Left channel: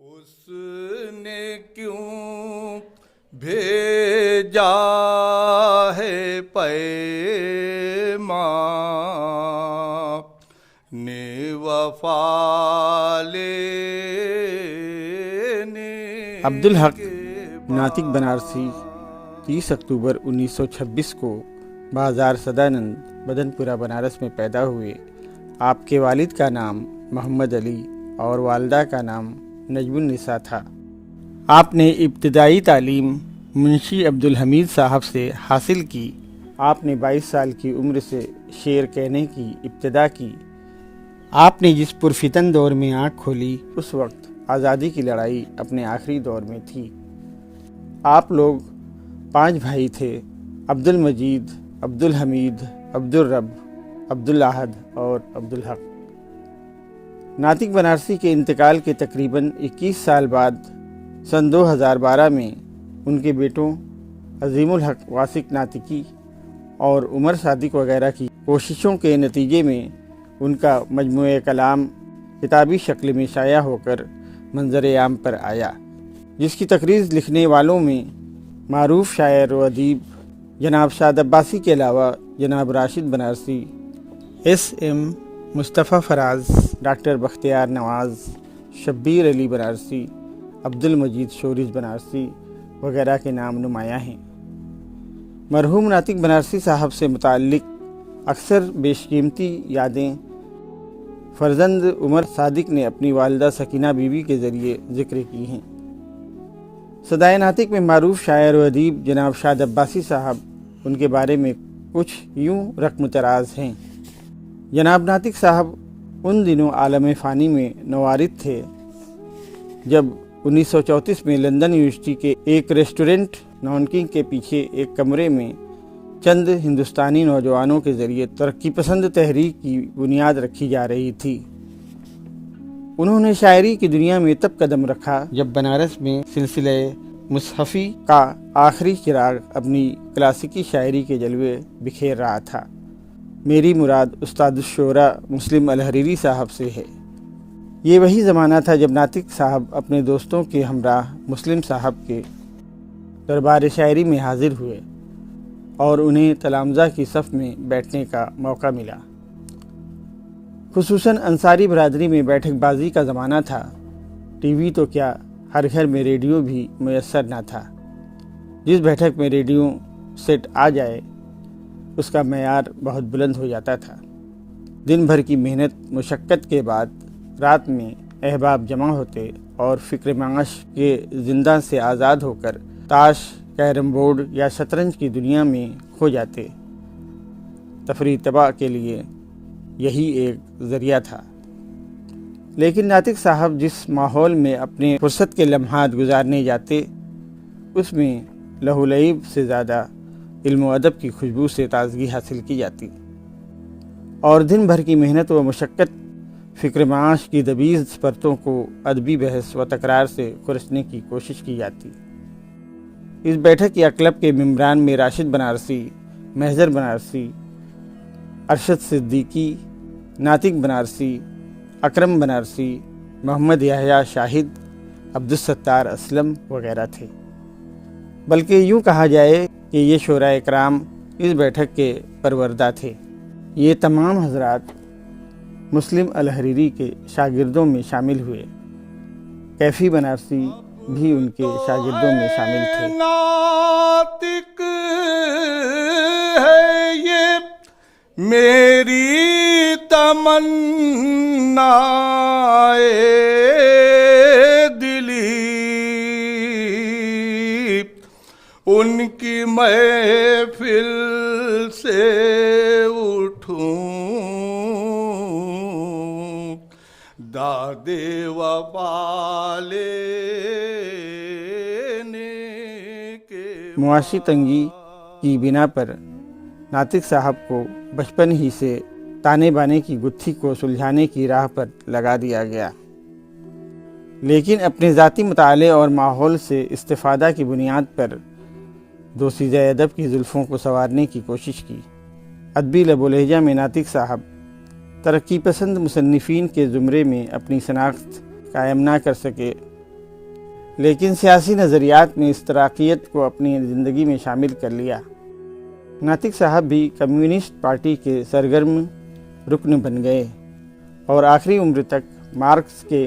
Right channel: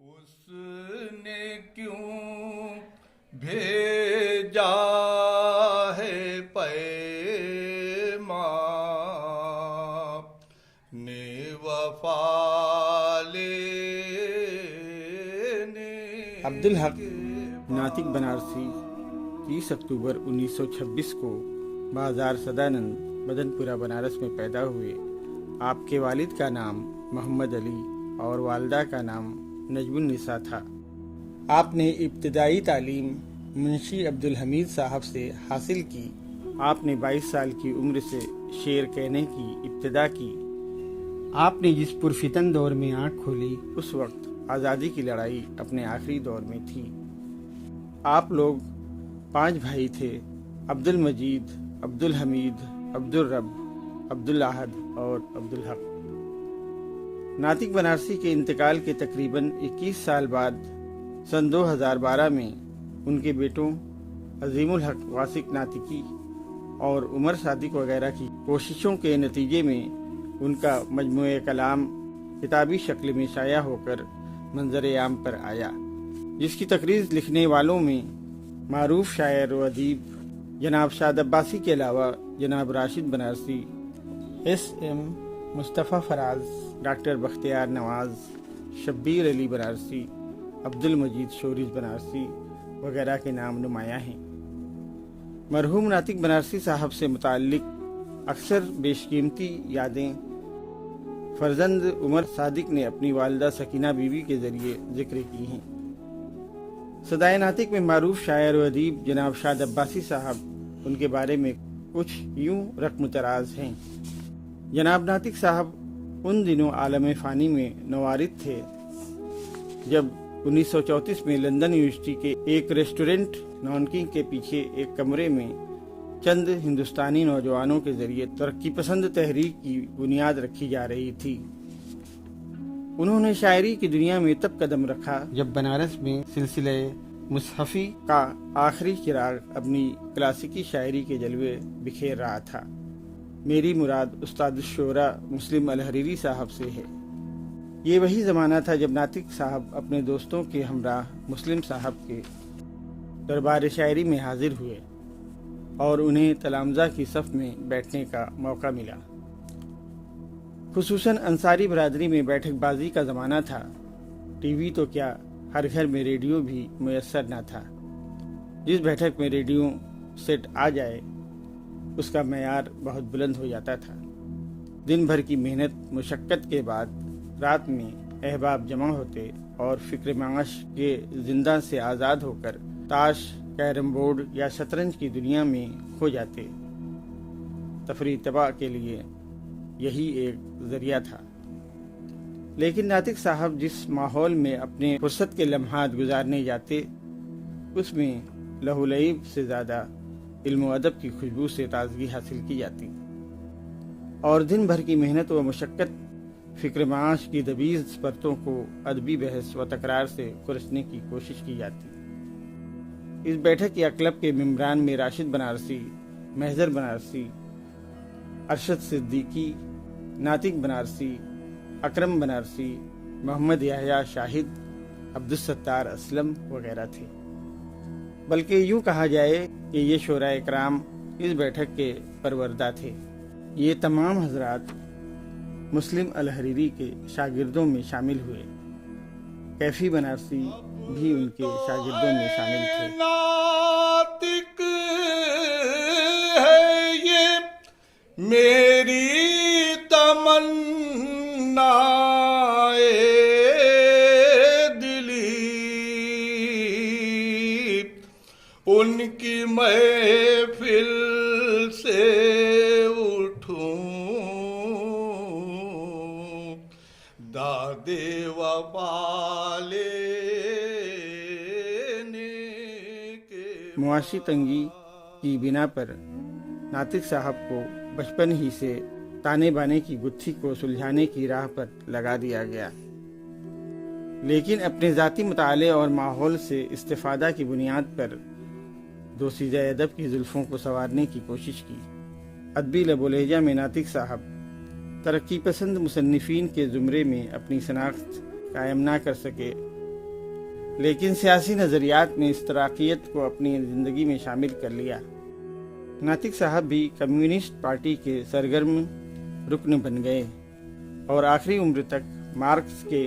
اس نے کیوں بھیجا ہے پیمان وفا لینے عبدالحق ناطق بنارسی 30 اکتوبر 1926 کو بازار سدانند بدن پورہ بنارس میں پیدا ہوئے۔ آپ کے والد کا نام محمد علی اور والدہ کا نام نجم النساء تھا۔ آپ نے ابتدائی تعلیم منشی عبدالحمید صاحب سے حاصل کی۔ آپ نے 22 سال کی عمر سے شعر کہنے کی ابتدا کی۔ آپ نے جس پرفتن دور میں آنکھ کھولی اس وقت آزادی کی لڑائی اپنے آخری دور میں تھی۔ آپ لوگ 5 بھائی تھے: عبدالمجید، عبدالحمید، عبدالرب، عبدالاحد اور عبدالحق۔ ناطق بنارسی کے انتقال کے تقریباً 21 سال بعد سن 2012 میں ان کے بیٹوں عظیم الحق واثق ناطقی اور عمر صادق وغیرہ کی کوششوں کے نتیجے میں ان کا مجموعہ کلام کتابی شکل میں شائع ہو کر منظر عام پر آیا، جس کی تقریر لکھنے والوں میں معروف شاعر و ادیب جناب شاد عباسی کے علاوہ جناب راشد بنارسی، SM مصطفیٰ فراز، ڈاکٹر بختیار نواز، شبیر علی بنارسی، عبدالمجید شورش بنارسی وغیرہ کے نام نمایاں ہیں۔ مرحوم ناطق بنارسی صاحب سے متعلق اکثر بیش قیمتی یادیں فرزند عمر صادق نے اپنی والدہ سکینہ بی بی کے ذریعے ذکر کی ہیں۔ صدائے ناطق میں معروف شاعر و ادیب جناب شاد عباسی صاحب ان کے بارے میں کچھ یوں رقم طراز ہیں۔ جناب ناطق صاحب ان دنوں عالم فانی میں نوارد تھے جب 1934 میں لندن یونیورسٹی کے ایک ریسٹورنٹ نانکنگ کے پیچھے ایک کمرے میں چند ہندوستانی نوجوانوں کے ذریعے ترقی پسند تحریک کی بنیاد رکھی جا رہی تھی۔ انہوں نے شاعری کی دنیا میں تب قدم رکھا جب بنارس میں سلسلہ مصحفی کا آخری چراغ اپنی کلاسیکی شاعری کے جلوے بکھیر رہا تھا۔ میری مراد استاد الشعراء مسلم الحریری صاحب سے ہے۔ یہ وہی زمانہ تھا جب ناطق صاحب اپنے دوستوں کے ہمراہ مسلم صاحب کے دربار شاعری میں حاضر ہوئے اور انہیں تلامذہ کی صف میں بیٹھنے کا موقع ملا۔ خصوصاً انصاری برادری میں بیٹھک بازی کا زمانہ تھا۔ ٹی وی تو کیا، ہر گھر میں ریڈیو بھی میسر نہ تھا۔ جس بیٹھک میں ریڈیو سیٹ آ جائے اس کا معیار بہت بلند ہو جاتا تھا۔ دن بھر کی محنت مشقت کے بعد رات میں احباب جمع ہوتے اور فکر معاش کے زندہ سے آزاد ہو کر تاش، کیرم بورڈ یا شطرنج کی دنیا میں کھو جاتے۔ تفریح طبع کے لیے یہی ایک ذریعہ تھا۔ لیکن ناطق صاحب جس ماحول میں اپنے فرصت کے لمحات گزارنے جاتے اس میں لہو لعب سے زیادہ علم و ادب کی خوشبو سے تازگی حاصل کی جاتی اور دن بھر کی محنت و مشقت فکر معاش کی دبیز پرتوں کو ادبی بحث و تکرار سے کھرچنے کی کوشش کی جاتی۔ اس بیٹھک یا کلب کے ممبران میں راشد بنارسی، محضر بنارسی، ارشد صدیقی، ناطق بنارسی، اکرم بنارسی، محمد یحییٰ شاہد، عبدالستار اسلم وغیرہ تھے۔ بلکہ یوں کہا جائے کہ یہ شعراء اکرام اس بیٹھک کے پروردہ تھے۔ یہ تمام حضرات مسلم الحریری کے شاگردوں میں شامل ہوئے۔ کیفی بنارسی بھی ان کے شاگردوں میں شامل تھے۔ ناطق ہے یہ میری تمنا دلی، ان کی محفل سے اٹھوں دادے وفا لینے کے۔ معاشی تنگی کی بنا پر ناطق صاحب کو بچپن ہی سے تانے بانے کی گتھی کو سلجھانے کی راہ پر لگا دیا گیا، لیکن اپنے ذاتی مطالعے اور ماحول سے استفادہ کی بنیاد پر دوسیزہ ادب کی زلفوں کو سنوارنے کی کوشش کی۔ ادبی لب و لہجہ میں ناطق صاحب ترقی پسند مصنفین کے زمرے میں اپنی شناخت قائم نہ کر سکے لیکن سیاسی نظریات نے اشتراکیت کو اپنی زندگی میں شامل کر لیا۔ ناطق صاحب بھی کمیونسٹ پارٹی کے سرگرم رکن بن گئے اور آخری عمر تک مارکس کے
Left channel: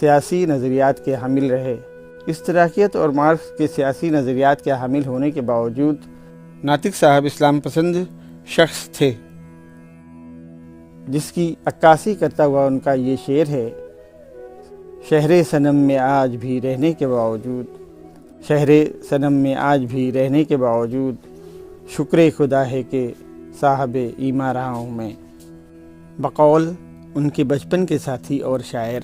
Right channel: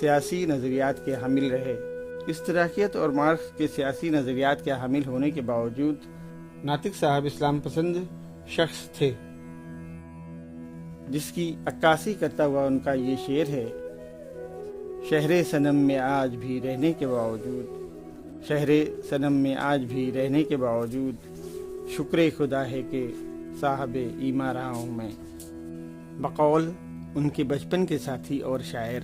سیاسی نظریات کے حامل رہے۔ اشتراکیت اور مارکس کے سیاسی نظریات کے حامل ہونے کے باوجود ناطق صاحب اسلام پسند شخص تھے، جس کی عکاسی کرتا ہوا ان کا یہ شعر ہے: شہر صنم میں آج بھی رہنے کے باوجود، شہر صنم میں آج بھی رہنے کے باوجود، شکر خدا ہے کہ صاحب ایمان رہا ہوں میں۔ بقول ان کے بچپن کے ساتھی اور شاعر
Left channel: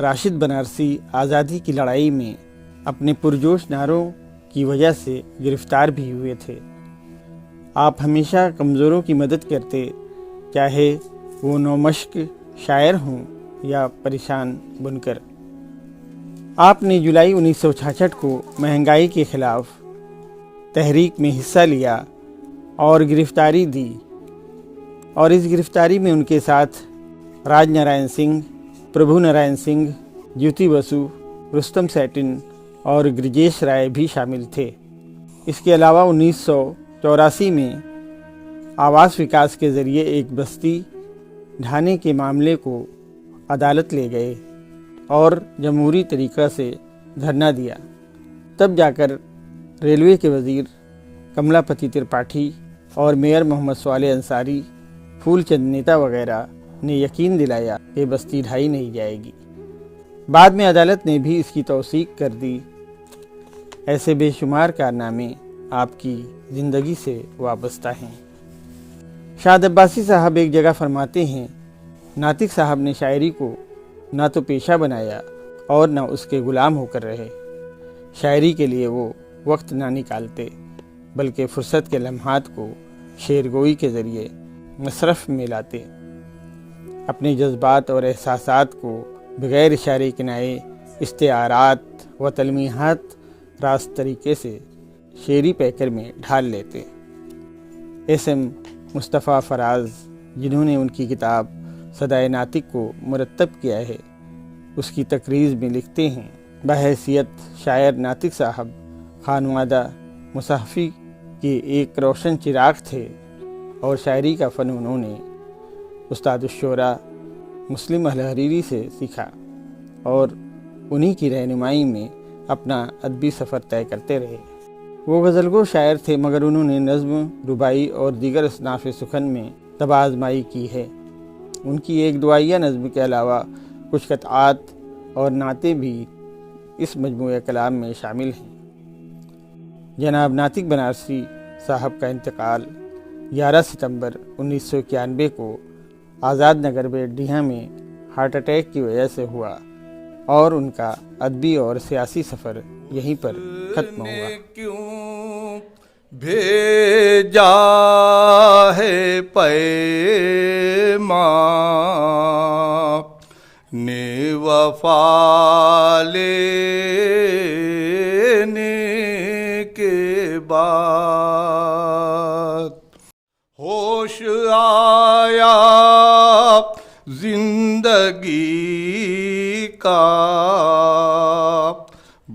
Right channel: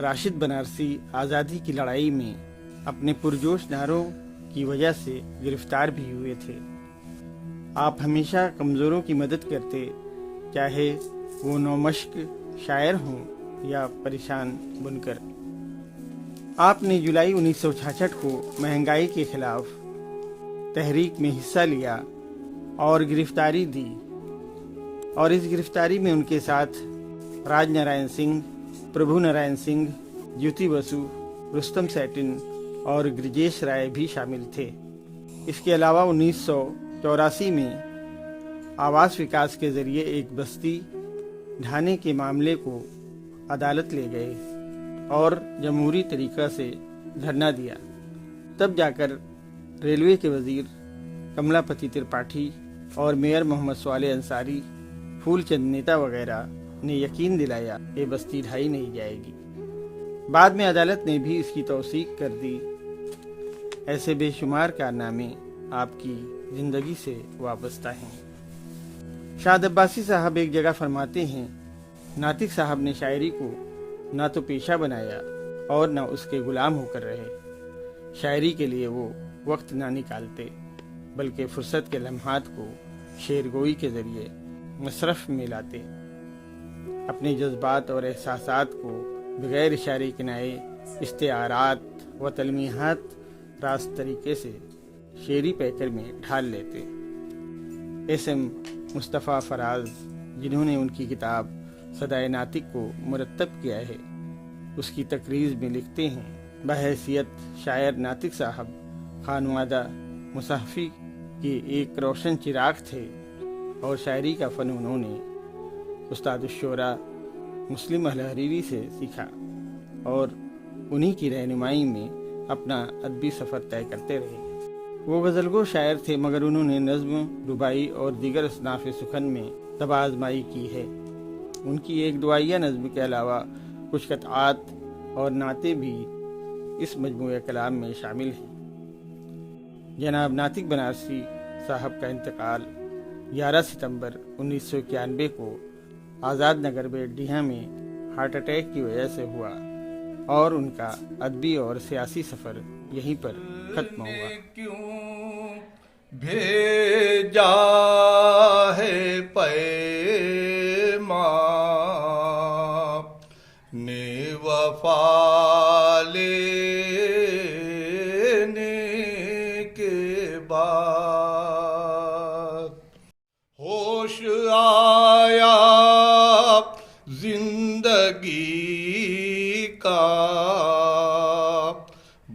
راشد بنارسی آزادی کی لڑائی میں اپنے پرجوش نعروں کی وجہ سے گرفتار بھی ہوئے تھے۔ آپ ہمیشہ کمزوروں کی مدد کرتے، چاہے وہ نومشق شاعر ہوں یا پریشان بنکر۔ آپ نے جولائی 1966 کو مہنگائی کے خلاف تحریک میں حصہ لیا اور گرفتاری دی، اور اس گرفتاری میں ان کے ساتھ راج نارائن سنگھ، پربھو نارائن سنگھ، جیوتی بسو، رستم سیٹن اور گرجیش رائے بھی شامل تھے۔ اس کے علاوہ 1984 میں آواس وکاس کے ذریعے ایک بستی ڈھانے کے معاملے کو عدالت لے گئے اور جمہوری طریقہ سے دھرنا دیا۔ تب جا کر ریلوے کے وزیر کملا پتی ترپاٹھی اور میئر محمد صالح انصاری، پھول چند نیتا وغیرہ نے یقین دلایا کہ بستی ڈھائی نہیں جائے گی۔ بعد میں عدالت نے بھی اس کی توثیق کر دی۔ ایسے بے شمار کارنامے آپ کی زندگی سے وابستہ ہیں۔ شاد عباسی صاحب ایک جگہ فرماتے ہیں، ناطق صاحب نے شاعری کو نہ تو پیشہ بنایا اور نہ اس کے غلام ہو کر رہے۔ شاعری کے لیے وہ وقت نہ نکالتے، بلکہ فرصت کے لمحات کو شعر گوئی کے ذریعے مصرف میں لاتے۔ اپنے جذبات اور احساسات کو بغیر اشارے کنائے، استعارات و تلمیحات راست طریقے سے شعری پیکر میں ڈھال لیتے۔ ایس ایم مصطفیٰ فراز، جنہوں نے ان کی کتاب صدائے ناطق کو مرتب کیا ہے، اس کی تقریض میں لکھتے ہیں، بحیثیت شاعر ناطق صاحب خانوادہ مصحفی کے ایک روشن چراغ تھے، اور شاعری کا فن انہوں نے استاد الشعراء مسلم الحریری سے سیکھا اور انہی کی رہنمائی میں اپنا ادبی سفر طے کرتے رہے۔ وہ غزلگو شاعر تھے، مگر انہوں نے نظم، رباعی اور دیگر اصناف سخن میں طب آزمائی کی ہے۔ ان کی ایک دعائیہ نظم کے علاوہ کچھ قطعات اور نعتیں بھی اس مجموعہ کلام میں شامل ہیں۔ جناب ناطق بنارسی صاحب کا انتقال 11 ستمبر 1991 کو آزاد نگر بیٹڈیہا میں ہارٹ اٹیک کی وجہ سے ہوا، اور ان کا ادبی اور سیاسی سفر یہیں پر ختم ہوا۔ کیوں بھیجا ہے پیمان نے وفا لینے کے بعد، ہوش آیا زندگی کا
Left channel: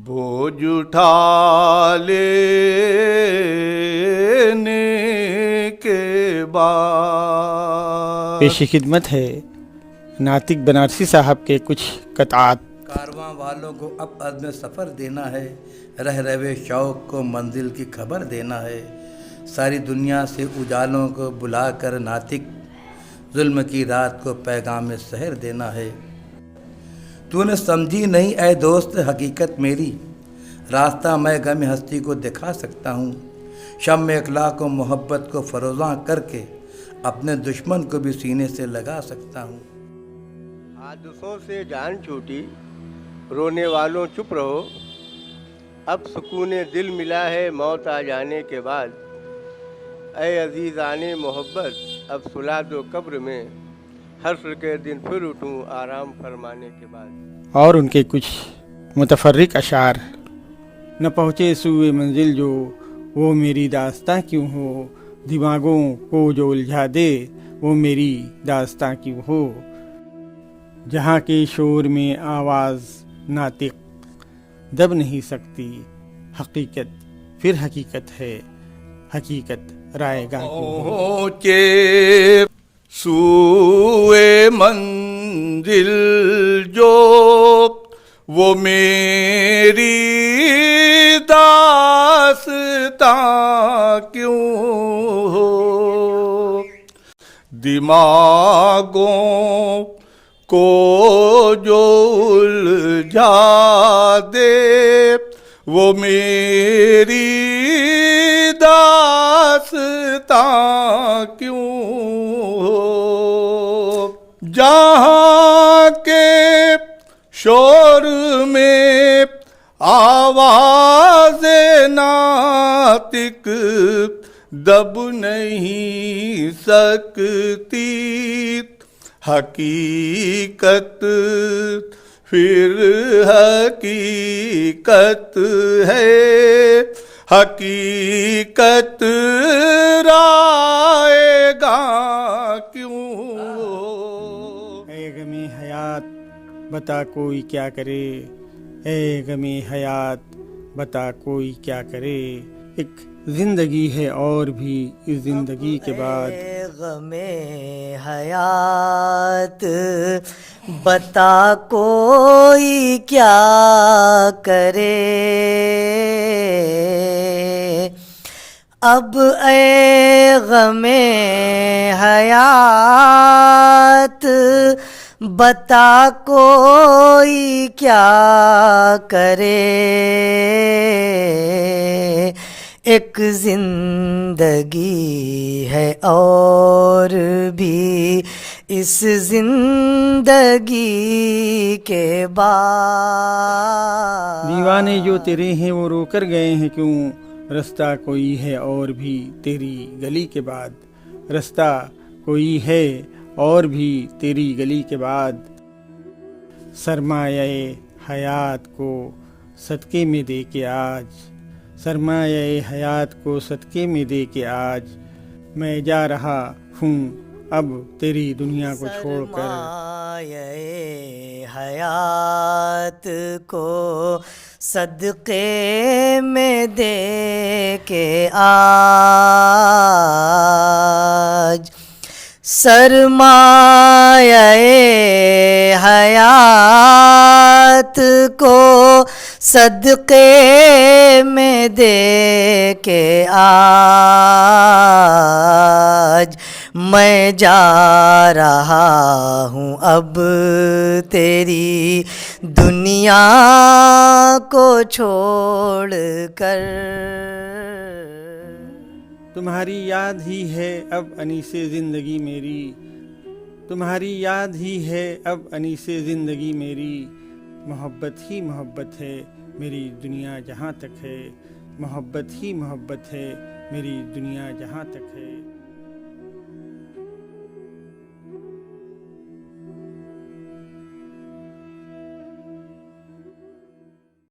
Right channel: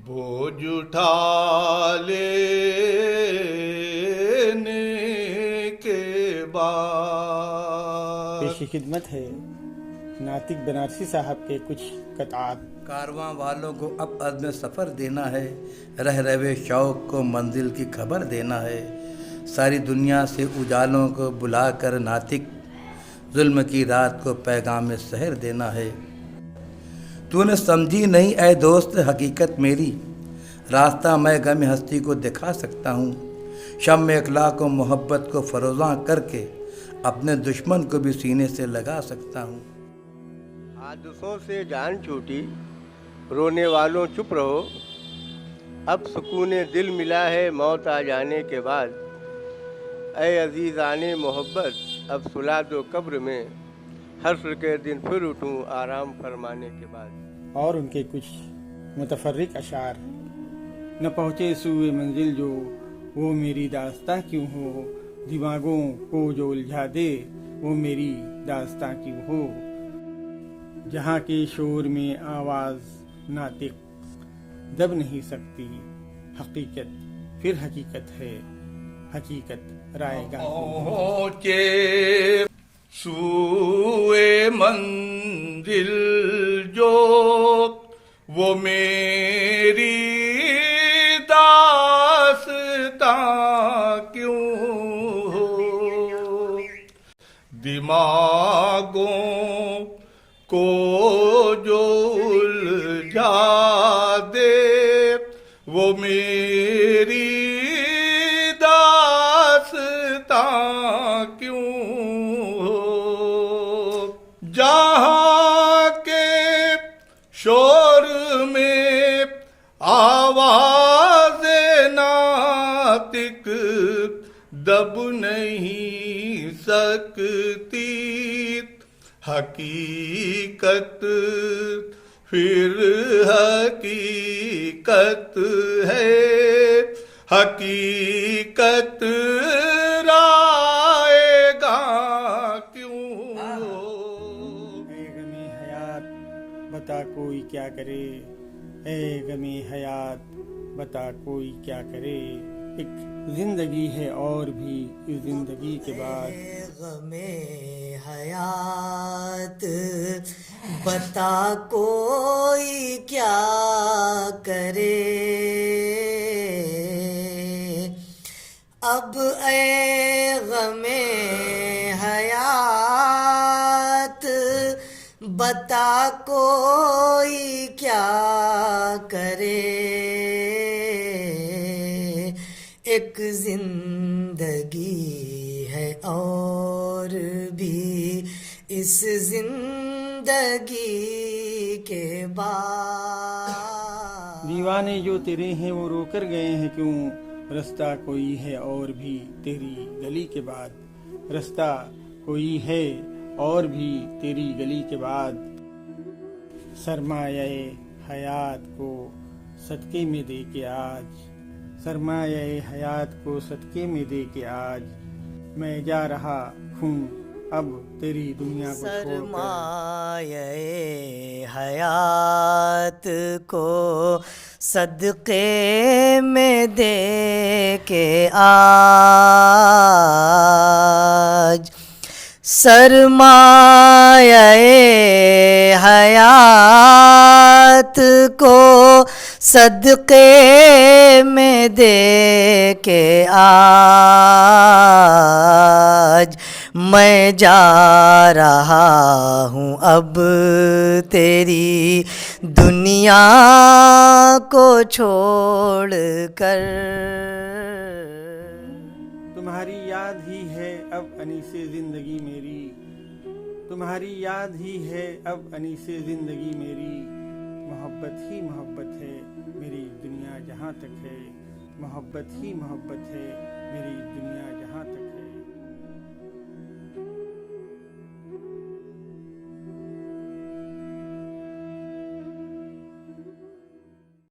بوجھ اٹھا لینے کے بعد۔ پیش خدمت ہے ناطق بنارسی صاحب کے کچھ قطعات۔ کارواں والوں کو اب عزم سفر دینا ہے، رہ روے شوق کو منزل کی خبر دینا ہے، ساری دنیا سے اجالوں کو بلا کر ناطق ظلم کی رات کو پیغام سحر دینا ہے۔ تو نے سمجھی نہیں اے دوست حقیقت میری، راستہ میں غم ہستی کو دکھا سکتا ہوں، شمع اخلاق و محبت کو فروزاں کر کے اپنے دشمن کو بھی سینے سے لگا سکتا ہوں۔ حادثوں سے جان چھوٹی، رونے والوں چپ رہو، اب سکون دل ملا ہے موت آ جانے کے بعد، اے عزیزان محبت اب سلا دو قبر میں، حشر کے دن پھر اٹھوں آرام فرمانے کے بعد۔ اور ان کے کچھ متفرق اشعار۔ نہ پہنچے سوئے منزل جو وہ میری داستاں کیوں ہو، دماغوں کو جو الجھا دے وہ میری داستاں کیوں ہو، جہاں کے شور میں آواز ناطق دب نہیں سکتی حقیقت، پھر حقیقت ہے، حقیقت رائے گاہ کی۔ پہنچے سوئے منزل جو وہ میری داستاں کیوں ہو، دماغوں کو جو الجھا دے وہ میری داستاں کیوں ہو، جہاں کے شور میں آواز ناطق دب نہیں سکتی، حقیقت پھر حقیقت ہے، حقیقت رائے گاہ کیوں ہو۔ اے غم حیات بتا کوئی کیا کرے، اے غم حیات بتا کوئی کیا کرے، ایک زندگی ہے اور بھی اس زندگی کے بعد۔ اے غم حیات بتا کوئی کیا کرے، اب اے غم حیات بتا کوئی کیا کرے، ایک زندگی ہے اور بھی اس زندگی کے بعد۔ دیوانے جو تیرے ہیں وہ رو کر گئے ہیں کیوں، رستہ کوئی ہے اور بھی تیری گلی کے بعد، رستہ کوئی ہے اور بھی تیری گلی کے بعد۔ سرمایہ حیات کو صدقے میں دے کے آج، سرمایہ حیات کو صدقے میں دے کے آج، میں جا رہا ہوں اب تیری دنیا کو چھوڑ کر۔ سرمایہ حیات کو صدقے میں دے کے آج، سرمایہ حیات کو صدقے میں دے کے آج، میں جا رہا ہوں اب تیری دنیا کو چھوڑ کر۔ تمہاری یاد ہی ہے اب انیس زندگی میری، تمہاری یاد ہی ہے اب انیس زندگی میری، محبت ہی محبت ہے میری دنیا جہاں تک ہے، محبت ہی محبت ہے میری دنیا جہاں تک ہے۔